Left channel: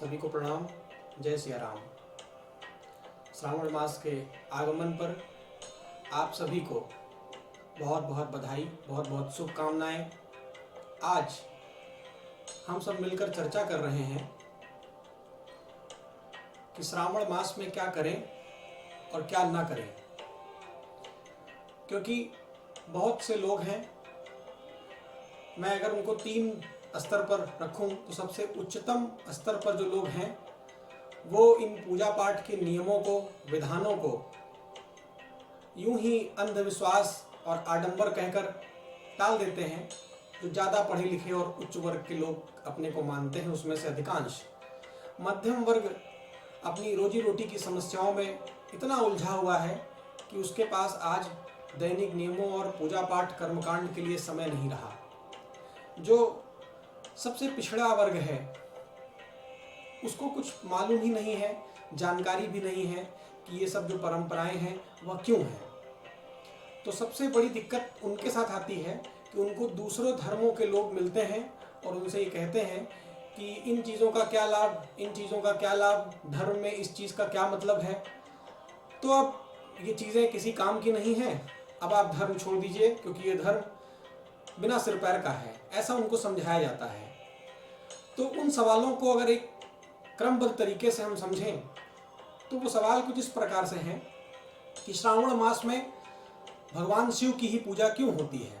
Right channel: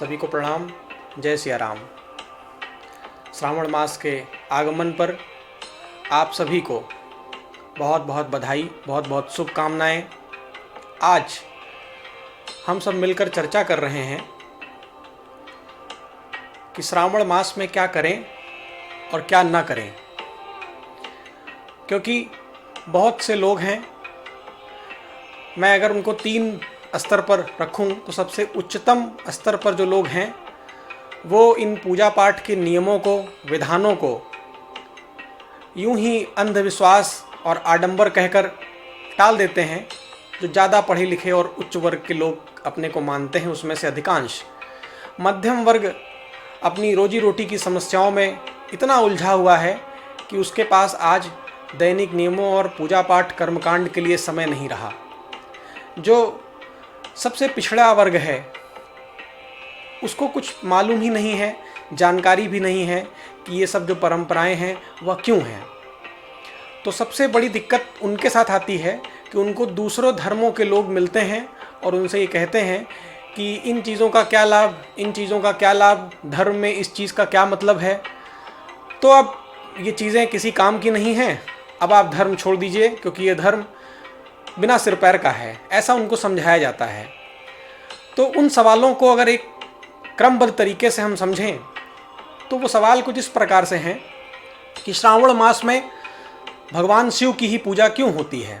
सभी को प्रणाम। जय सिया राम। श्रावण मास के आगमन पर आप सभी को बहुत बहुत बधाई, बहुत बहुत शुभकामनाएं। आज हम सब मिलकर चर्चा कर रहे हैं कि श्रावण मास में क्या करें और क्या ना करें, क्योंकि बहुत से लोग हैं। मैं अगर उनको 3 स्तर पर रखूं तो सबसे उच्चतम स्तर पर जो लोग हैं वो इन पूजा पाठ के नियमों को, विधानों को यूं ही अंधविश्वास और आडंबर कहकर टाल देते हैं। जो ज़्यादा पढ़े लिखे और उच्च वर्ग के लोग अपने को मानते हैं, उसमें से अधिकांश मध्यम वर्ग अपनी रोजी रोटी की समस्याओं में इतना उलझा हुआ है कि उसके पास आज दैनिक नियमों और पूजा पाठ कर्मकांड के लिए समय नहीं रहा। जो सबसे पिछड़ा वर्ग है उसको कुछ मालूम ही नहीं है, जानकारी भी नहीं है कि ये सब जो परंपराएं हैं वह क्यों हैं। तो सबसे बड़ी दिक्कत उनके साथ आती है कि उनको दूसरों धर्मों के लोग मिलते हैं और उनसे ये कहते हैं कि इन चीज़ों का क्या लाभ, इन चीज़ों का क्या लाभ, धर्म में इस चीज़ का क्या मतलब है। तो अब ये चीज़ें किसी काम की नहीं हैं, अब आप धर्म छोड़ दीजिए क्योंकि ये धर्म बिना सिर पैर का है, ऐसा उनको समझाया जाता है। तो उन सवालों को अगर एक क्रमबद्ध तरीके से हम समझें तो वो सवाल कुछ इस प्रकार से हैं कि श्रावण मास में भगवान शिव की ही पूजा क्यों होती है।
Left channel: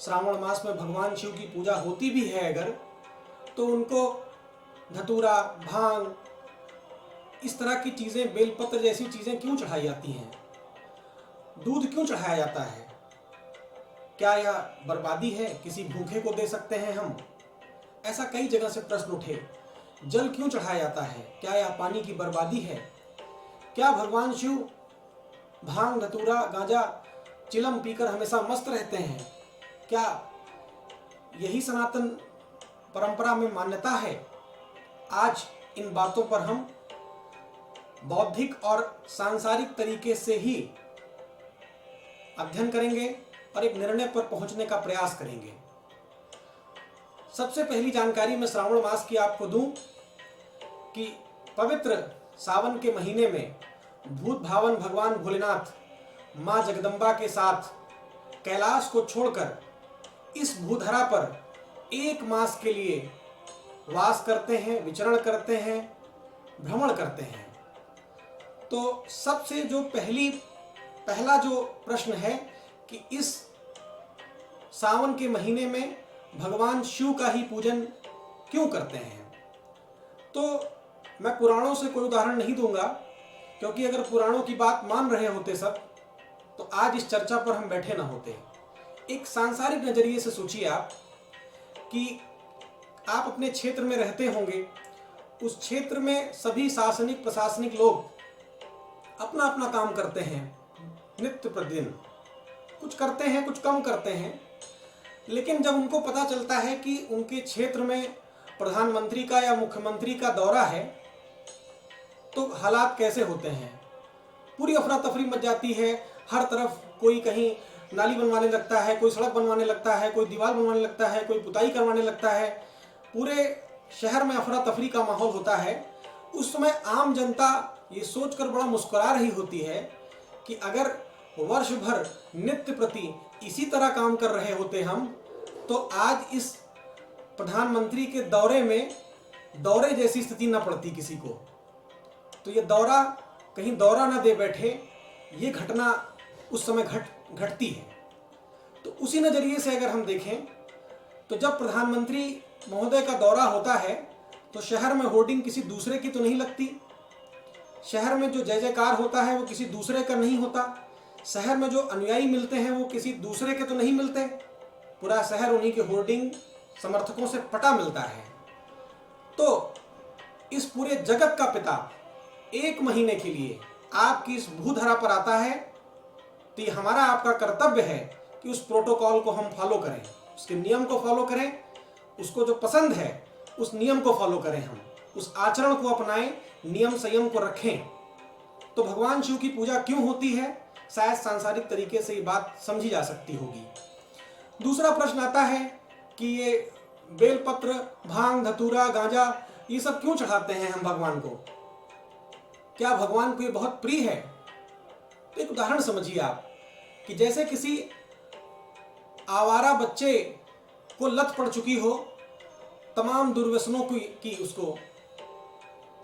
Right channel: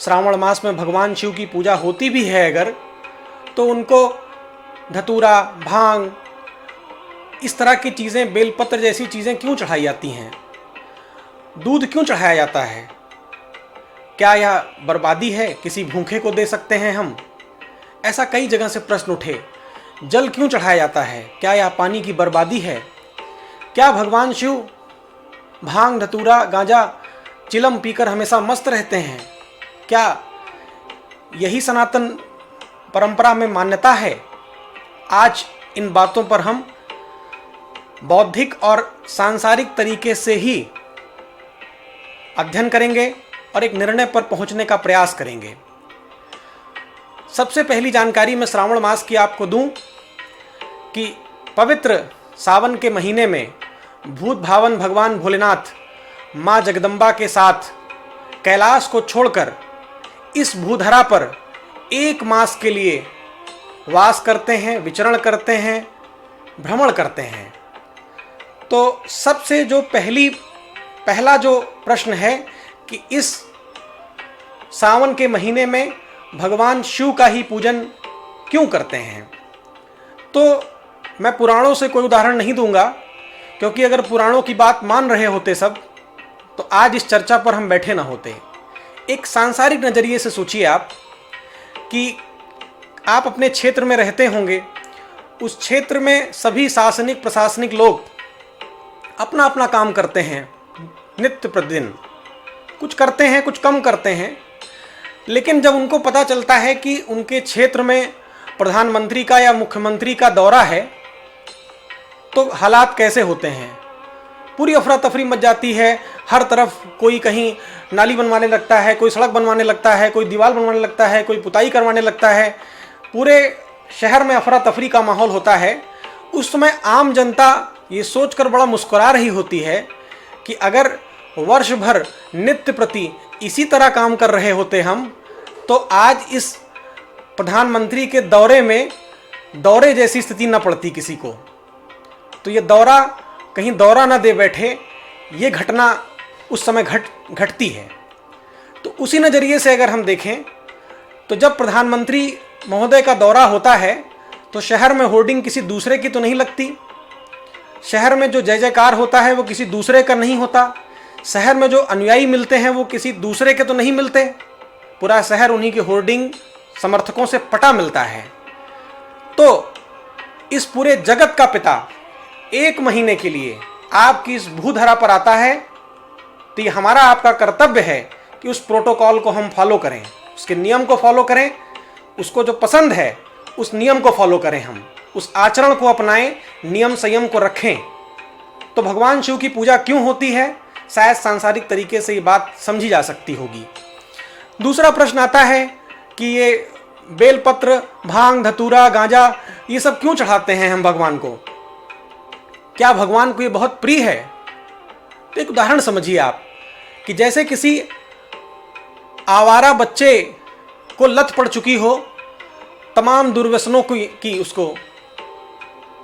श्रावण मास में भगवान शिव की पूजा होती भी है अगर, तो उनको धतूरा, भांग, इस तरह की चीज़ें, बेलपत्र जैसी चीज़ें क्यों चढ़ाई जाती हैं, दूध क्यों चढ़ाया जाता है। क्या यह बर्बादी है, किसी भूखे को दे सकते हैं हम, ऐसा कई जगह से प्रश्न उठे। जल क्यों चढ़ाया जाता है, क्या यह पानी की बर्बादी है। क्या भगवान शिव भांग, धतूरा, गांजा, चिलम पीकर हमेशा मस्त रहते हैं, क्या यही सनातन परंपरा में मान्यता है। आज इन बातों पर हम बौद्धिक और सांसारिक तरीके से ही अध्ययन करेंगे और एक निर्णय पर पहुंचने का प्रयास करेंगे। सबसे पहली जानकारी मैं श्रावण मास की आपको दूं कि पवित्र सावन के महीने में भूत भावन भगवान भोलेनाथ माँ जगदम्बा के साथ कैलाश को छोड़कर इस भूधरा पर 1 मास के लिए वास करते हैं, विचरण करते हैं, भ्रमण करते हैं। तो सबसे जो पहला जो प्रश्न है कि इस सावन के महीने में भगवान शिव का ही पूजन क्यों करते हैं। तो मैं पुराणों से कोई उदाहरण नहीं दूंगा, क्योंकि अगर पुराणों की बात मान रहे होते सब तो आज इस चर्चा पर हम बैठे ना होते। एक सांसारिक नज़रिए से सोचिए आप कि आप अपने क्षेत्र में रहते होंगे, उस क्षेत्र में सभी शासनिक प्रशासनिक लोग अपना अपना काम करते हैं, नित्य प्रतिदिन कुछ करते हैं, कुछ कम करते हैं। लेकिन जब उनको पता चलता है कि उनके क्षेत्र में प्रधानमंत्री का या मुख्यमंत्री का दौरा है तो हालात कैसे होते हैं। पूरी अफरा तफरी मच जाती है, हर तरफ कोई कहीं नाली बनवाने लगता है, कोई सड़क बनवाने लगता है, कोई दीवार बनवाने लगता है, कोई पुताई करवाने लगता है। पूरे शहर में अफरा तफरी का माहौल होता है। उस समय आम जनता ये सोचकर बड़ा मुस्कुरा रही होती है कि अगर वर्ष भर नित्य प्रति इसी तरह काम कर रहे होते हम, तो आज इस प्रधानमंत्री के दौरे में दौरे जैसी स्थिति न पड़ती किसी को। तो ये दौरा कहीं दौरा ना दे बैठे, ये घटना उस समय घटती है। तो उसी नज़रिए से अगर हम देखें तो जब प्रधानमंत्री महोदय का दौरा होता है तो शहर में होर्डिंग किसी दूसरे की तो नहीं लगती, शहर में जो जय जयकार होता है वो किसी दूसरे का नहीं होता, शहर में जो अनुयायी मिलते हैं वो किसी दूसरे के तो नहीं मिलते, पूरा शहर उन्हीं के होर्डिंग समर्थकों से पटा मिलता है। तो इस पूरे जगत का पिता 1 महीने के लिए आपकी इस भूधरा पर आता है, तो ये हमारा आपका कर्तव्य है कि उस प्रोटोकॉल को हम फॉलो करें, उसके नियम को फॉलो करें, उसको जो पसंद है उस नियम को फॉलो करें, हम उस आचरण को अपनाएं, नियम संयम को रखें। तो भगवान शिव की पूजा क्यों होती है, शायद सांसारिक तरीके से ये बात समझी जा सकती होगी। दूसरा प्रश्न आता है कि ये बेलपत्र, भांग, धतूरा, गांजा ये सब क्यों चढ़ाते हैं हम भगवान को? क्या भगवान को ये बहुत प्रिय है? तो एक उदाहरण समझिए आप, कि जैसे किसी आवारा बच्चे को लत पड़ चुकी हो तमाम दुर्व्यसनों की उसको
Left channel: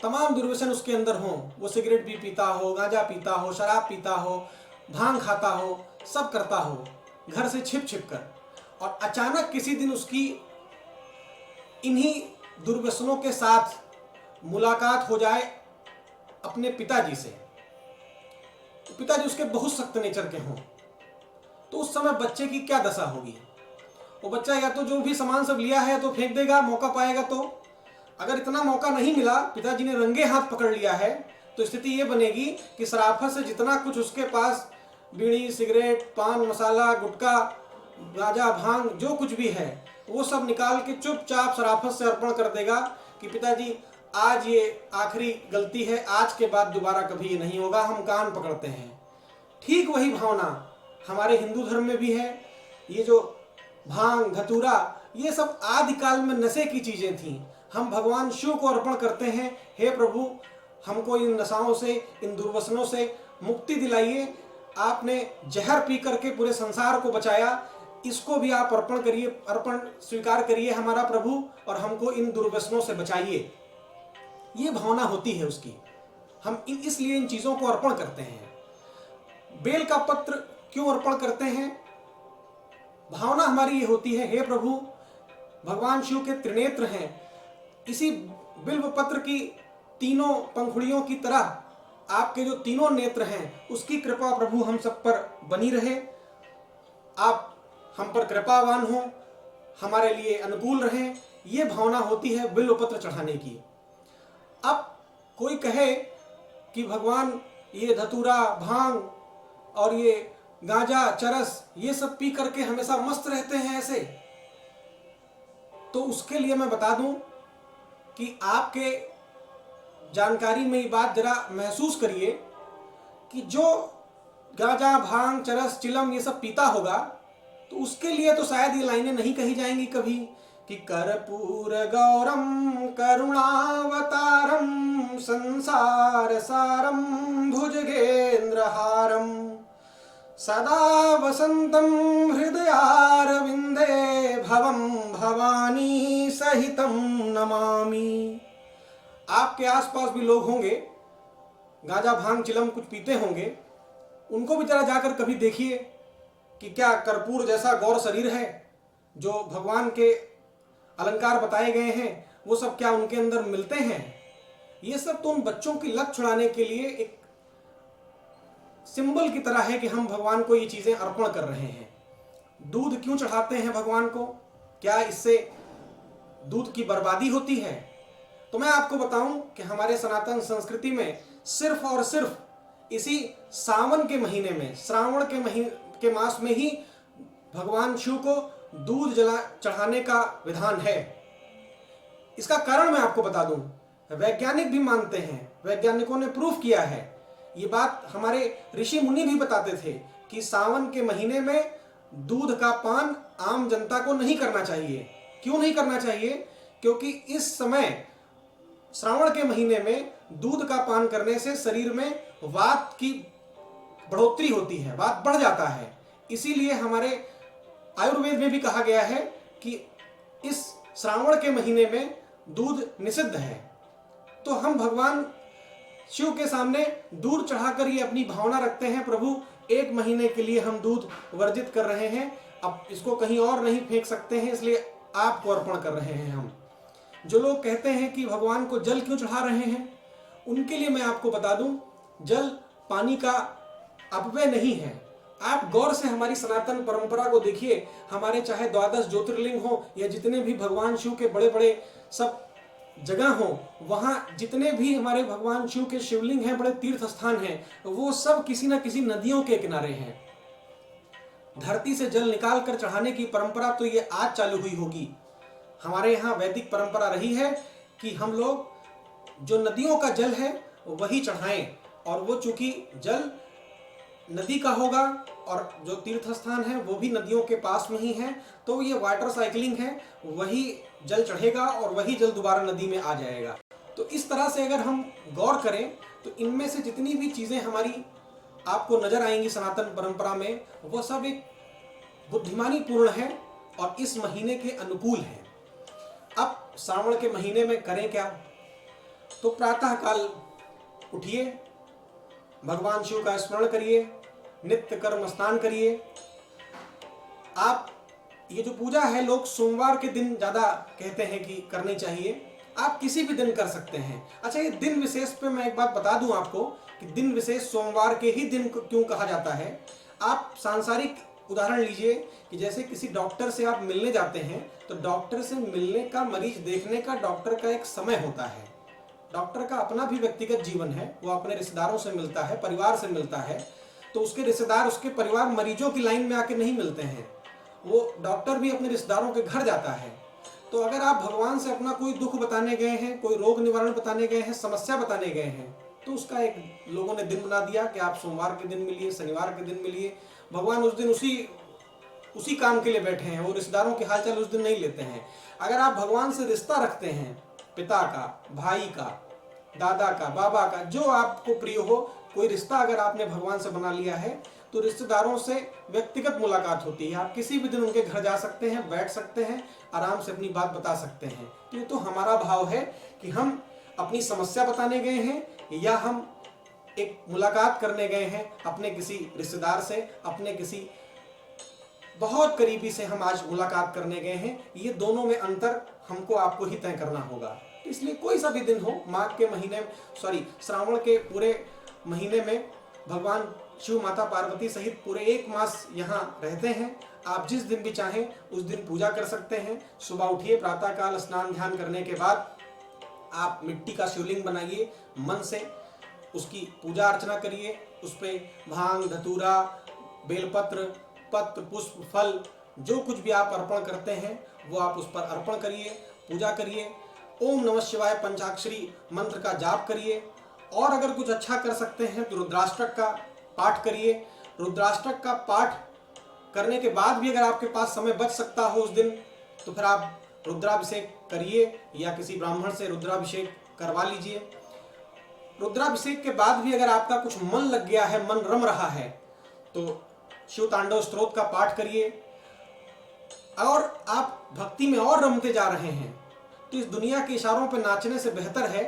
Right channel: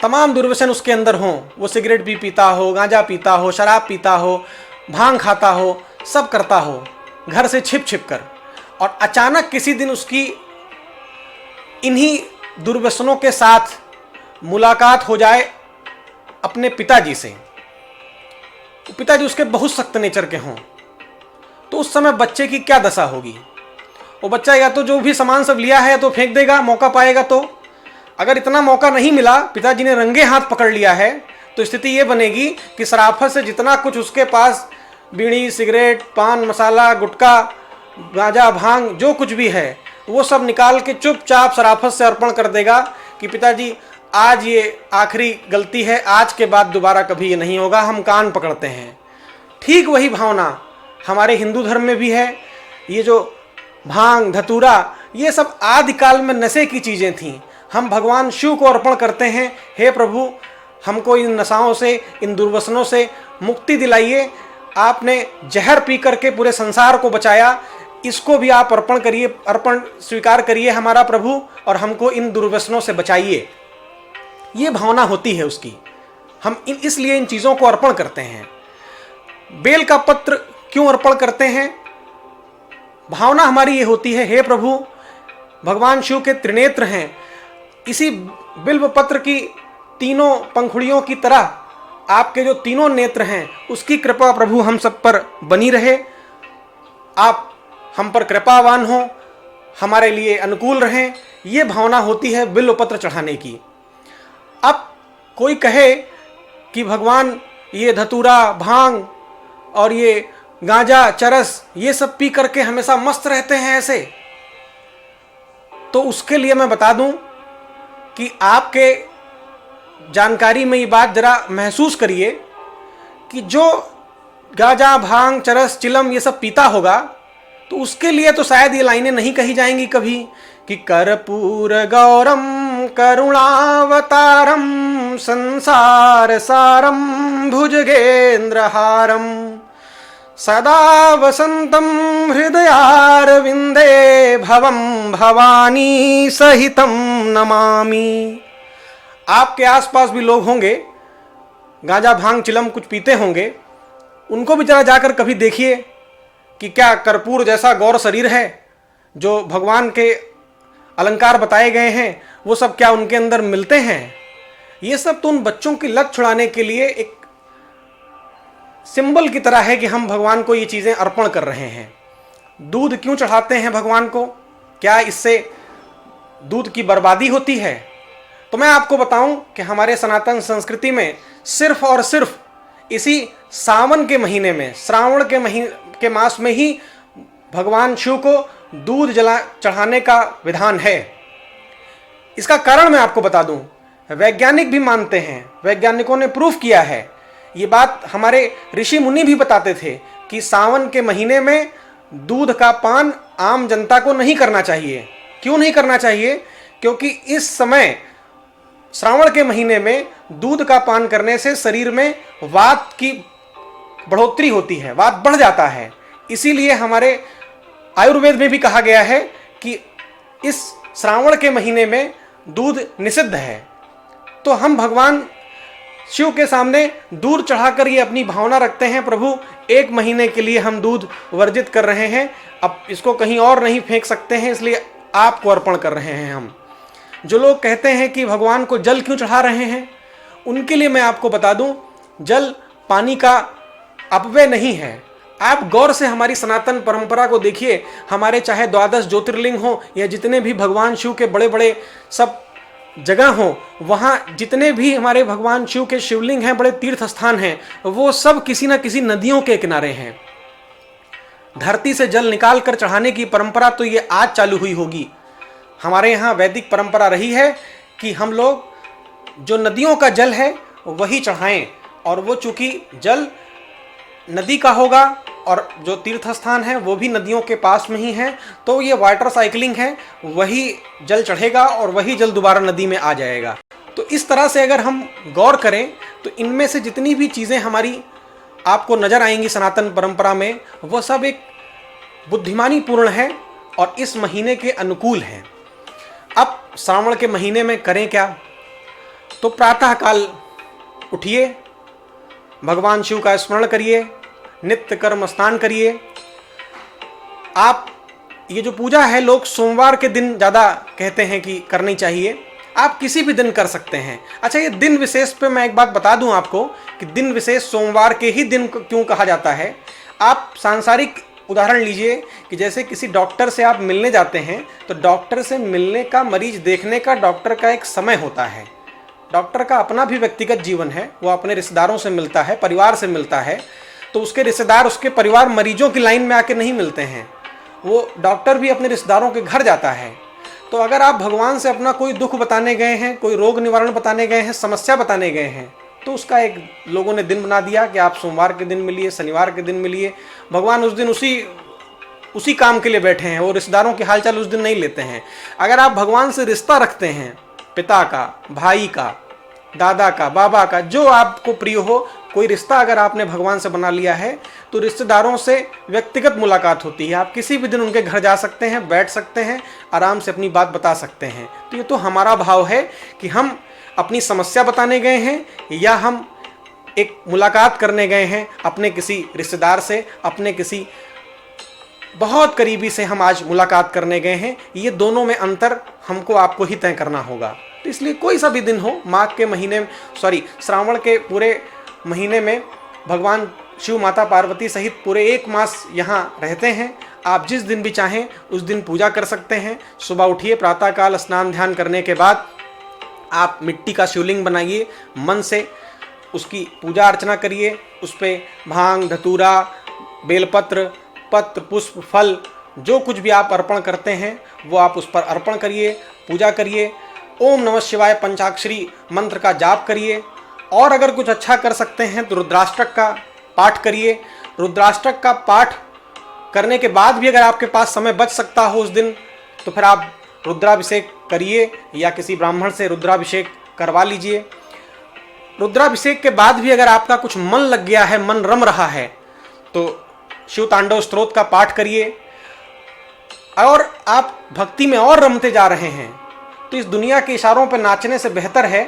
तमाम दुर्व्यसन उसके अंदर हों, वो सिगरेट भी पीता हो, गांजा पीता हो, शराब पीता हो, भांग खाता हो, सब करता हो घर से छिप छिप कर, और अचानक किसी दिन उसकी इन्हीं दुर्व्यसनों के साथ मुलाकात हो जाए अपने पिताजी से, पिताजी उसके बहुत सख्त नेचर के हों, तो उस समय बच्चे की क्या दशा होगी? वो बच्चा या तो जो भी सामान सब लिया है तो फेंक देगा मौका पाएगा तो। अगर इतना मौका नहीं मिला, पिताजी ने रंगे हाथ पकड़ लिया है, तो स्थिति ये बनेगी कि शराफत से जितना कुछ उसके पास बीड़ी, सिगरेट, पान मसाला, गुटखा, गांजा, भांग जो कुछ भी है वो सब निकाल के चुपचाप शराफत से अर्पण कर देगा कि पिताजी आज ये आखिरी गलती है, आज के बाद दोबारा कभी ये नहीं होगा, हम कान पकड़ते हैं। ठीक वही भावना हमारे हिंदू धर्म में भी है। ये जो भांग, धतूरा, ये सब आदिकाल में नशे की चीज़ें थीं। हम भगवान शिव को अर्पण करते हैं, हे प्रभु हमको इन नशाओं से, इन दुर्व्यसनों से मुक्ति दिलाइए। आपने जहर पी करके पूरे संसार को बचाया, इसको भी आप अर्पण करिए, अर्पण स्वीकार करिए हमारा प्रभु, और हमको इन दुर्व्यसनों से बचाइए। ये भावना होती है उसकी। हम इसलिए इन चीज़ों को अर्पण करते हैं। बेल का पत्र क्यों अर्पण करते हैं? भावना हमारी ये होती है, हे प्रभु भगवान शिव के त्रिनेत्र हैं, इसी बिल्व पत्र की तीनों पंखुड़ियों की तरह आपके जो तीनों नेत्र हैं उसकी कृपा प्रभु हम सब पर बनी रहे। आप हम पर कृपावान हो, हमारे लिए अनुकूल रहें। ये भावना होती है बिल्व पत्र चढ़ाने की। अब कोई कहे कि भगवान ये धतूरा, भांग और ये गांजा, चरस, ये सब पी करके हमेशा मस्त रहते हैं ऐसे, तो उसके लिए मैं बता दूं कि आपके जानकारी में ये बात जरा महसूस करिए कि जो गांजा, भांग, चरस, चिलम ये सब पीता होगा तो उसके लिए तो शायद ये लाइनें नहीं कही जाएंगी कभी कि कर्पूर गौरम करुणावतारम संसार सारम भुजगेंद्रहारम सदा वसंतम हृदयारविंदे भवम भवानी सहितम नमामि। आपके आसपास भी लोग होंगे गांजा, भांग, चिलम कुछ पीते होंगे, उनको भी जरा जाकर कभी देखिए कि क्या कर्पूर जैसा गौर शरीर है, जो भगवान के अलंकार बताए गए हैं वो सब क्या उनके अंदर मिलते हैं? ये सब तो उन बच्चों की लत छुड़ाने के लिए एक सिंबल की तरह है कि हम भगवान को ये चीज़ें अर्पण कर रहे हैं। दूध क्यों चढ़ाते हैं भगवान को? क्या इससे दूध की बर्बादी होती है? तो मैं आपको बताऊं कि हमारे सनातन संस्कृति में सिर्फ और सिर्फ इसी सावन के महीने में, श्रावण के मास में ही भगवान शिव को दूध चढ़ाने का विधान है। इसका कारण मैं आपको बता दूं, वैज्ञानिक भी मानते हैं, वैज्ञानिकों ने प्रूफ किया है। ये बात हमारे ऋषि मुनि भी बताते थे कि सावन के महीने में दूध का पान आम जनता को नहीं करना चाहिए। क्यों नहीं करना चाहिए? क्योंकि इस समय श्रावण के महीने में दूध का पान करने से शरीर में वात की बढ़ोतरी होती है, वात बढ़ जाता है। इसीलिए हमारे आयुर्वेद में भी कहा गया है कि इस श्रावण के महीने में दूध निषिद्ध है। तो हम भगवान शिव के सामने दूध चढ़ाकर ये अपनी भावना रखते हैं, प्रभु एक महीने के लिए हम दूध वर्जित कर रहे हैं, अब इसको कहीं और नहीं फेंक सकते हैं, इसलिए आपको अर्पण कर रहे हैं हम। जो लोग कहते हैं कि भगवान को जल क्यों चढ़ा रहे हैं, उनके लिए मैं आपको बता दूं, जल पानी का अपव्यय नहीं है। आप गौर से हमारी सनातन परंपरा को देखिए, हमारे चाहे 12 ज्योतिर्लिंग हो या जितने भी भगवान शिव के बड़े बड़े सब जगह हो, वहाँ जितने भी हमारे भगवान शिव के शिवलिंग हैं, बड़े तीर्थ स्थान हैं, वो सब किसी न किसी नदियों के किनारे हैं। धरती से जल निकाल कर चढ़ाने की परंपरा तो ये आज चालू हुई होगी। हमारे यहाँ वैदिक परंपरा रही है कि हम लोग जो नदियों का जल है वही चढ़ाएं, और वो चूंकि जल नदी का होगा और जो तीर्थ स्थान है वो भी नदियों के पास में ही है, तो ये वाटर साइकिलिंग है, वही जल चढ़ेगा और वही जल दोबारा नदी में आ जाएगा। तो इस तरह से अगर हम गौर करें तो इनमें से जितनी भी चीज़ें हमारी आपको नज़र आएंगी सनातन परंपरा में, वो सब एक बुद्धिमानी पूर्ण है और इस महीने के अनुकूल है। अब श्रावण के महीने में करें क्या? तो प्रातःकाल उठिए, भगवान शिव का स्मरण करिए, नित्य कर्म स्नान करिए। आप ये जो पूजा है लोग सोमवार के दिन ज़्यादा कहते हैं कि करनी चाहिए, आप किसी भी दिन कर सकते हैं। अच्छा, ये दिन विशेष पे मैं एक बात बता दूं आपको कि दिन विशेष सोमवार के ही दिन क्यों कहा जाता है। आप सांसारिक उदाहरण लीजिए कि जैसे किसी डॉक्टर से आप मिलने जाते हैं, तो डॉक्टर से मिलने का, मरीज देखने का डॉक्टर का एक समय होता है। डॉक्टर का अपना भी व्यक्तिगत जीवन है, वो अपने रिश्तेदारों से मिलता है, परिवार से मिलता है, तो उसके रिश्तेदार, उसके परिवार मरीजों की लाइन में आके नहीं मिलते हैं, वो डॉक्टर भी अपने रिश्तेदारों के घर जाता है। तो अगर आप भगवान से अपना कोई दुख बताने गए हैं, कोई रोग निवारण बताने गए हैं, समस्या बताने गए हैं, तो उसका एक लोगों ने दिन बना दिया कि आप सोमवार के दिन मिलिए, शनिवार के दिन मिलिए। भगवान उस दिन उसी काम के लिए बैठे हैं, वो रिश्तेदारों के हालचाल उस दिन नहीं लेते हैं। अगर आप भगवान से रिश्ता रखते हैं, पिता का, भाई का, दादा का, बाबा का, जो आपको प्रिय हो, कोई रिश्ता अगर आपने भगवान से बना लिया है, तो रिश्तेदारों से व्यक्तिगत मुलाकात होती है। आप किसी भी दिन उनके घर जा सकते हैं, बैठ सकते हैं, आराम से अपनी बात बता सकते हैं। तो ये तो हमारा भाव है कि हम अपनी समस्या बताने गए हैं या हम एक मुलाकात करने गए हैं अपने किसी रिश्तेदार से, अपने किसी बहुत करीबी से हम आज मुलाकात करने गए हैं। ये दोनों में अंतर हमको आपको ही तय करना होगा। तो इसलिए कोई सा भी दिन हो, माघ के महीने, श्रावण के पूरे महीने में भगवान शिव, माता पार्वती सहित पूरे 1 मास यहाँ रहते हैं। आप जिस दिन भी चाहें उस दिन पूजा कर सकते हैं। सुबह उठिए, प्रातःकाल स्नान ध्यान करने के बाद आप मिट्टी का शिवलिंग बनाइए, मन से उसकी पूजा अर्चना करिए, उस पर भांग, धतूरा, बेलपत्र, पत्र, पुष्प, फल, जो कुछ भी आप अर्पण करते हैं वो आप उस पर अर्पण करिए, पूजा करिए। ओम नमः शिवाय पंचाक्षरी मंत्र का जाप करिए। और अगर कुछ अच्छा कर सकते हैं तो रुद्राष्टक का पाठ करिए। रुद्राष्टक का पाठ करने के बाद भी अगर आपके पास समय बच सकता हो उस दिन, तो फिर आप रुद्राभिषेक करिए या किसी ब्राह्मण से रुद्राभिषेक करवा लीजिए। रुद्राभिषेक के बाद भी अगर आपका कुछ मन लग गया है, मन रम रहा है, तो शिव तांडव स्तोत्र का पाठ करिए। और आप भक्ति में और रमते जा रहे हैं तो इस दुनिया के इशारों पर नाचने से बेहतर है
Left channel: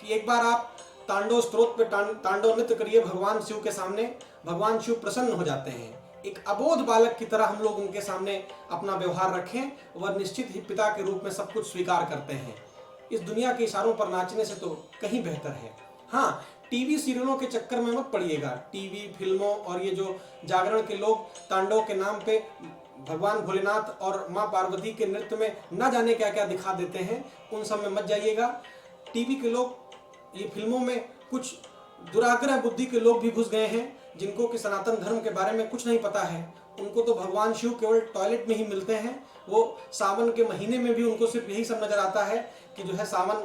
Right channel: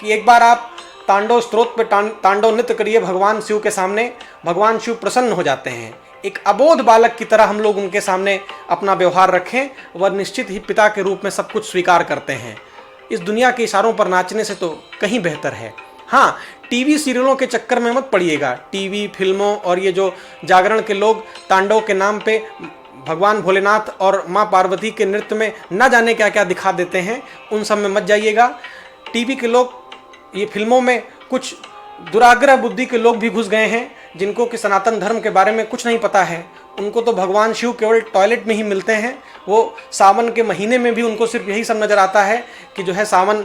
कि एक बार आप तांडव स्तोत्र पे तांडव नृत्य करिए भगवान शिव के सामने। भगवान शिव प्रसन्न हो जाते हैं। एक अबोध बालक की तरह हम लोग उनके सामने अपना व्यवहार रखें, वह निश्चित ही पिता के रूप में सब कुछ स्वीकार करते हैं। इस दुनिया के इशारों पर नाचने से तो कहीं बेहतर है। हाँ, टीवी सीरियलों के चक्कर में मत पड़िएगा। टीवी, फिल्मों और ये जो जागरण के लोग तांडव के नाम पे भगवान भोलेनाथ और माँ पार्वती के नृत्य में न जाने क्या क्या दिखा देते हैं, उन सब में मत जाइएगा। टीवी के लोग, ये फिल्मों में कुछ दुराग्रह बुद्धि के लोग भी घुस गए हैं जिनको कि सनातन धर्म के बारे में कुछ नहीं पता है। उनको तो भगवान शिव केवल टॉयलेट में ही मिलते हैं। वो सावन के महीने में भी उनको सिर्फ यही सब नज़र आता है कि जो है सावन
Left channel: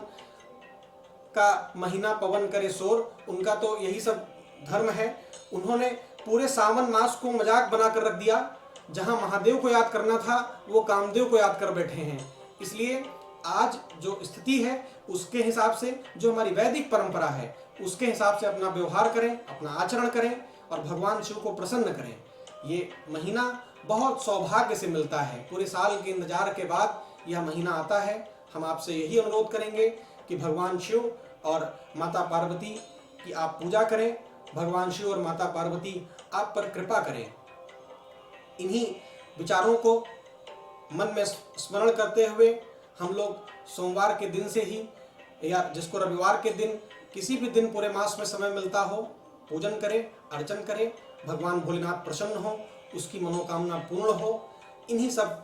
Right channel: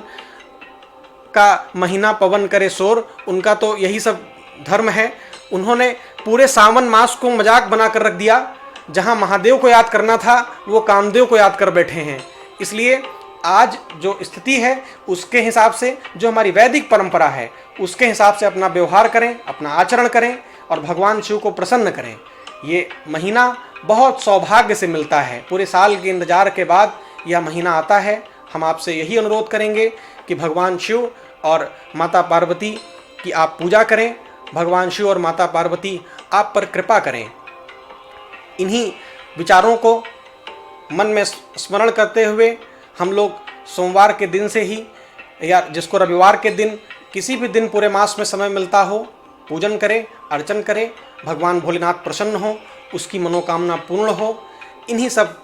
का महीना पवन करे शोर, उनका तो यही सब धर्म है। उन्होंने पूरे सावन मास को मजाक बना कर रख दिया। जहाँ महादेव को याद करना था वो कामदेव को याद कर बैठे हैं। इसलिए आज जो स्थिति है उसके हिसाब से, जो हमारी वैदिक परंपरा है उसके हिसाब से अपना व्यवहार करें, अपना आचरण करें और भगवान शिव को प्रसन्न करें। ये महीना बहुत सौभाग्य से मिलता है। पूरे साल के इंतजार के बाद यह महीना आता है। हम आपसे यही अनुरोध करेंगे कि भगवान शिव और माता पार्वती की आप पूजा करें। भगवान शिव और माता पार्वती आप पर कृपा करें। इन्हीं विचारों को मन में स्मरण करते हुए हम लोग सोमवार के दिन से ही, या जिसको रविवार के दिन, किसी भी दिन पूरे मास में समय मिलता हो, पूजन करें, अर्चन करें। भगवान भोलेनाथ प्रसन्न हो, उसकी मनोकामना पूर्ण हो। इन्हीं सब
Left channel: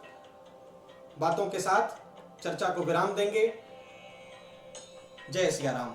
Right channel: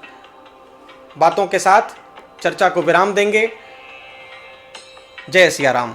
बातों के साथ चर्चा को विराम देंगे। जय सिया राम।